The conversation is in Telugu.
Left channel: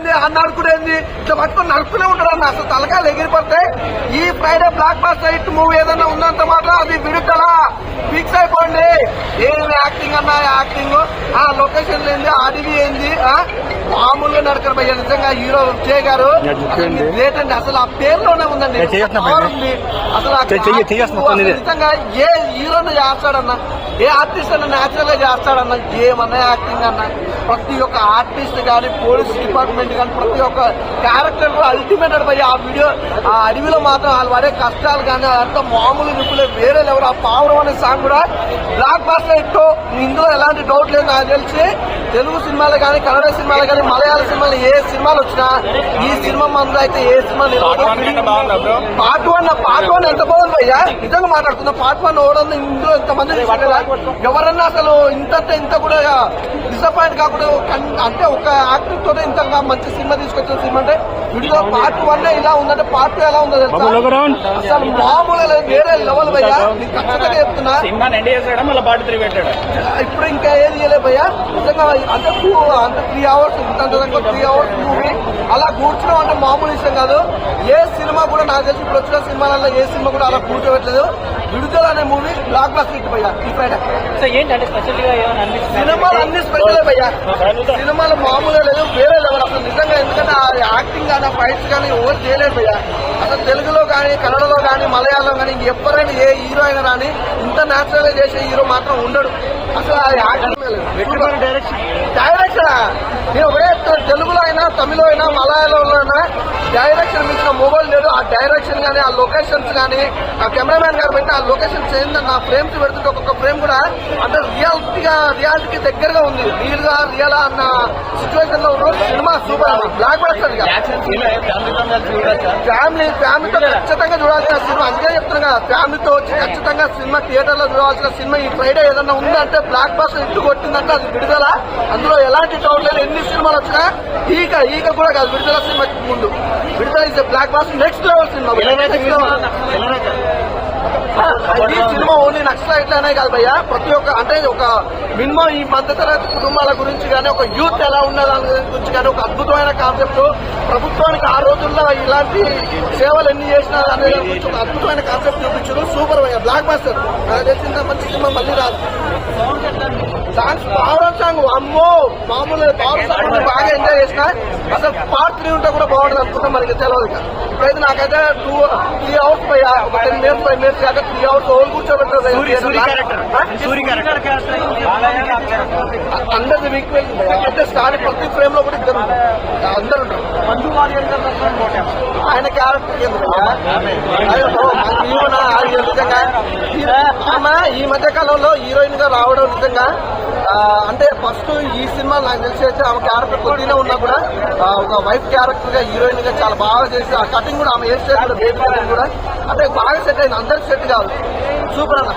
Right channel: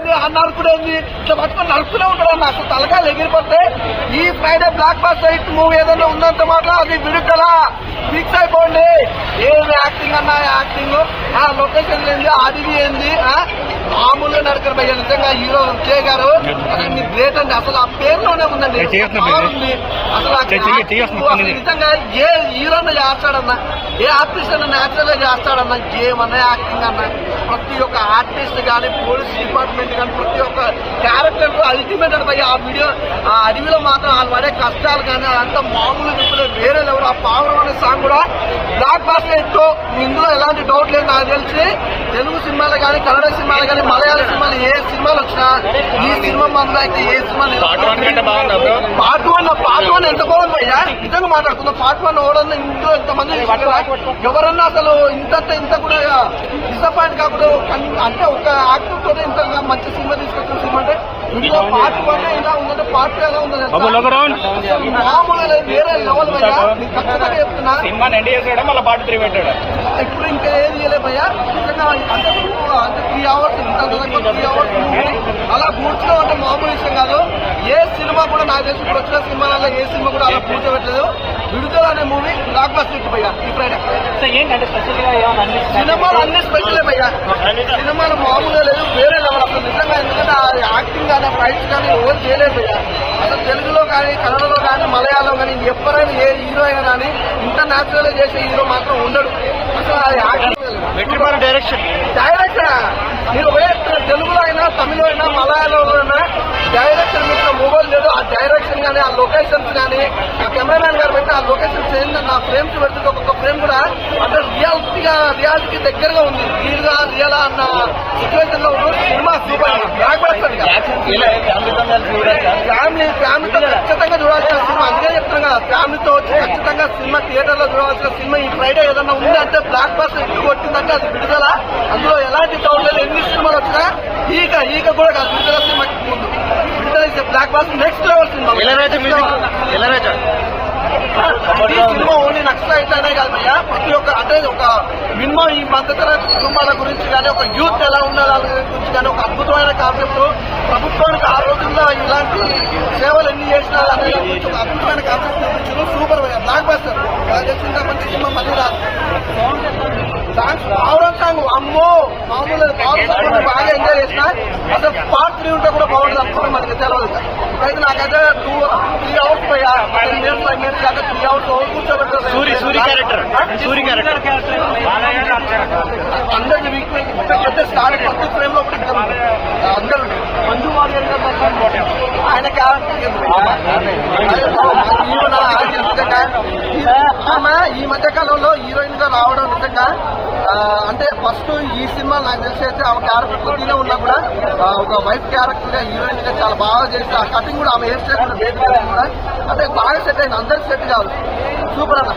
ఏంది అన్న అనుకునేది ఇట్లా పట్టుకుని నడుపుతూనే ఉంటాడు అన్న. అసలు తలకాయలు ఎగిరిపోతే ఈ Friday block buster hit movie ఏదైనా ఉన్నంత మాత్రం అది విడుదల ఫిక్స్ అయిపోండి. ఏది యాక్టింగ్ అన్నా యాక్టింగ్, ఆ లొకేషన్ ఏంది, అడివి ఏంది, మామూలుగా నడకరు భయ్య. నిజంగా హీరో విజయ్ గారు అసలు గ్రేట్ అండి. అసలు ఆ పేరులోనే ఉందండి. అసలు నిజంగా ఏ హీరోని చేస్తాడన్నా, ఏ ఆర్టిస్ట్ అన్న న్యాచురల్ గా చేస్తాడన్నా, ఏమన్నా యాక్టింగ్ అన్నా, ప్రతి ఒక్క ఆర్టిస్ట్ కానీ, పోలీస్ డిపార్ట్మెంట్ కానీ, ప్రతి ఒక్క క్యారెక్టర్ కూడా అల్టిమేట్ అడిపోయి ఆ వీడియో ఆ అడవిలో మాత్రం వాళ్ళు పడే కష్టాలు కానీ అంత మామూలు నిప్పులే వేరే లెవెల్. ఆ పావురం అనే సాంగ్ కూడా బ్లాక్ బాస్టర్ హిట్. ఇందులో ఎలాంటి డౌట్ లేదు. నాకు తెలిసి తెలుగు సినిమాలు కానీ, కన్నడ సినిమాలు కానీ, మలయాళ సినిమాలు ఏ సినిమాలు వచ్చినా ఈ సినిమా మందు అయితే ఏ సినిమా పార్ట్ వన్ ఎంత బాగుంది అయ్యా. నిజంగా మాట్లాడుతున్నా, పార్ట్ 1 ఓడని ఇందులో ఎంతమంది చూసారా? ఎవరన్నా అసలు ఇంత కూడా డిసప్పాయింట్ కాకుండా అంటే ఒక యాక్టివ్ తోటే ఇంత మంచి సినిమా తీసుకొచ్చిన సినిమా అంటే వీడియో పార్ట్ 1 ఇలా ఉందంటే పార్ట్ 2 ఎలా ఉందో అసలు మామూలు వేరే లెవెల్ భయ్యా. నీకు ఖచ్చితంగా చెప్తున్నా. ఇప్పుడు ఇంకా ఏది చేయలేదు భయ్యా. నిజంగా అంత 3 అవర్స్ ఇంత 3 అవర్స్ మూవీ అలా కూర్చోడం అంటే మామూలు విషయం కాదు. ఏ సినిమా కూడా నాకు తెలిసి ఇప్పుడు వచ్చిన సినిమాలలో ఏ సినిమా కూడా అలా కూర్చోబెట్టలేదు. విడుదల అనే మూవీ బ్లాక్ బస్టర్ హిట్ భయ్యా ఈ ఫ్రైడే. సినిమాలు అన్ని స్పెషల్ భయ్యా. సినిమాలు మామూలుగా లేదు, వేరే లెవెల్ అసలు నిజంగా. ఎందుకంటే ఆ యాక్టింగ్ కానీ, ఫైట్స్ కానీ ఎవరు చేయలేదు భయ్యా. అసలు తెలుగులో కానీ, కన్నడలో కానీ, మలయాళం కానీ ఎవరైనా ఏ హీరో అయినా కానీ ఇంత న్యాచురల్ గా చేసే హీరో మాత్రం ఉండడు. అసలు ఆ యాక్టింగ్ డైరెక్షన్ నేను ఒకటే తెలుగులో అయినా, తమిళలో అయినా, మలయాళంలో అయినా డైరెక్షన్ మీకు మొబైల్ లేదు. ఆ డైరెక్షన్ కానీ, ఆ లొకేషన్స్ కానీ, ఆ కెమెరామ్యాన్ గారు పెట్టిన ఆ లొకేషన్స్ ఏంటంటే ఆ ఫ్రేమ్స్ పెడుతుంటే ఒక్కొక్క ఫ్రేమ్ కూడా అంటే రియాలిటీకి దగ్గరగా ఉంది. రియల్ అన్న సిచ్యువేషన్ లో ఉన్న సినిమా సూపర్ అన్న. బ్లాక్ బస్టర్ ఫ్యామిలీతో ఖచ్చితంగా చూడాల్సిన సినిమా. అందుకే చెప్తున్నా కదా, ఫ్యామిలీతో వచ్చి ఖచ్చితంగా సినిమా థియేటర్ లో చూడాల్సిన సినిమా. ఈ ఫ్రైడే ఏదన్నా ఉందంటే బ్లాక్ బస్టర్ ఇట్టు కొట్టిందంటే అది విడుదల. అందులో ఎలాంటి డౌట్ లేదు. ఎన్ని సినిమాలు వచ్చినా ఈక కూడా కాదు విడుదల సినిమాకి ముందు. విడుదల ఇస్తే block buster next level cinema. ఇది సినిమా ఓన్లీ నక్సలైట్ అనే కాదు భయ్యా. ప్రతి ఒక్క అంటే ఒక మినిమం ఈ మధ్యతరగతి కుటుంబాల గురించి కానీ, ఒక యూత్ ఎలా ఉన్న దాని గురించి కానీ ఒక అద్భుతమైన కాన్సెప్ట్. ప్రభుత్వానికి ఆ రోజుల్లో ఇలాంటి సేవలు ఎన్ని చేసినా అనే దాని గురించి ఒక అద్భుతమైన కాన్సెప్ట్ చూపించారు. సూపర్ భయ్యా బ్లాక్ బస్టర్. నాకు తెలిసిన మంచి సినిమా మళ్ళీ రాదు. సాంగ్స్ పావురం సాంగ్ అమ్మో మామూలు పావురం సాంగ్ బాగా ఎంజాయ్ చేసిన. అసలు పార్ట్ 3 ఉంటే కూడా బాగుంటుంది అనుకుంటాం మనకి తెలవదు. ఇప్పుడైతే నాకైతే 3 అవర్స్ పోయా 10 minutes 5 minutes కాక 3 అవర్స్ ఓవర్ కూర్చోబెట్టారు. అందరికి వీక్ అయితే స్టార్ ప్రతి ఫ్రేమ్ లో కూడా అందరూ మంజు వారియర్ ఆయన క్యారెక్టర్ నిజంగా ఆమె ఈ మధ్య కాలంలో హీరోయిన్ గా రావడం నిజంగా అంటే ఫస్ట్ ఈ సినిమా నాకు తెలిసి అయితే ఆమె క్యారెక్టర్ కొద్దిగా ఉన్నా కూడా ఒక వైఫ్ క్యారెక్టర్ గా హీరోయిన్ గా చాలా బాగా చేసి ఆ కటింగ్ కూడా ఆమె హెయిర్ స్టైల్ కూడా బేబీ కటింగ్ కూడా అంటే బాగా సెట్ అయింది. అందరికి సెట్ కాదు. సూపర్ అన్న.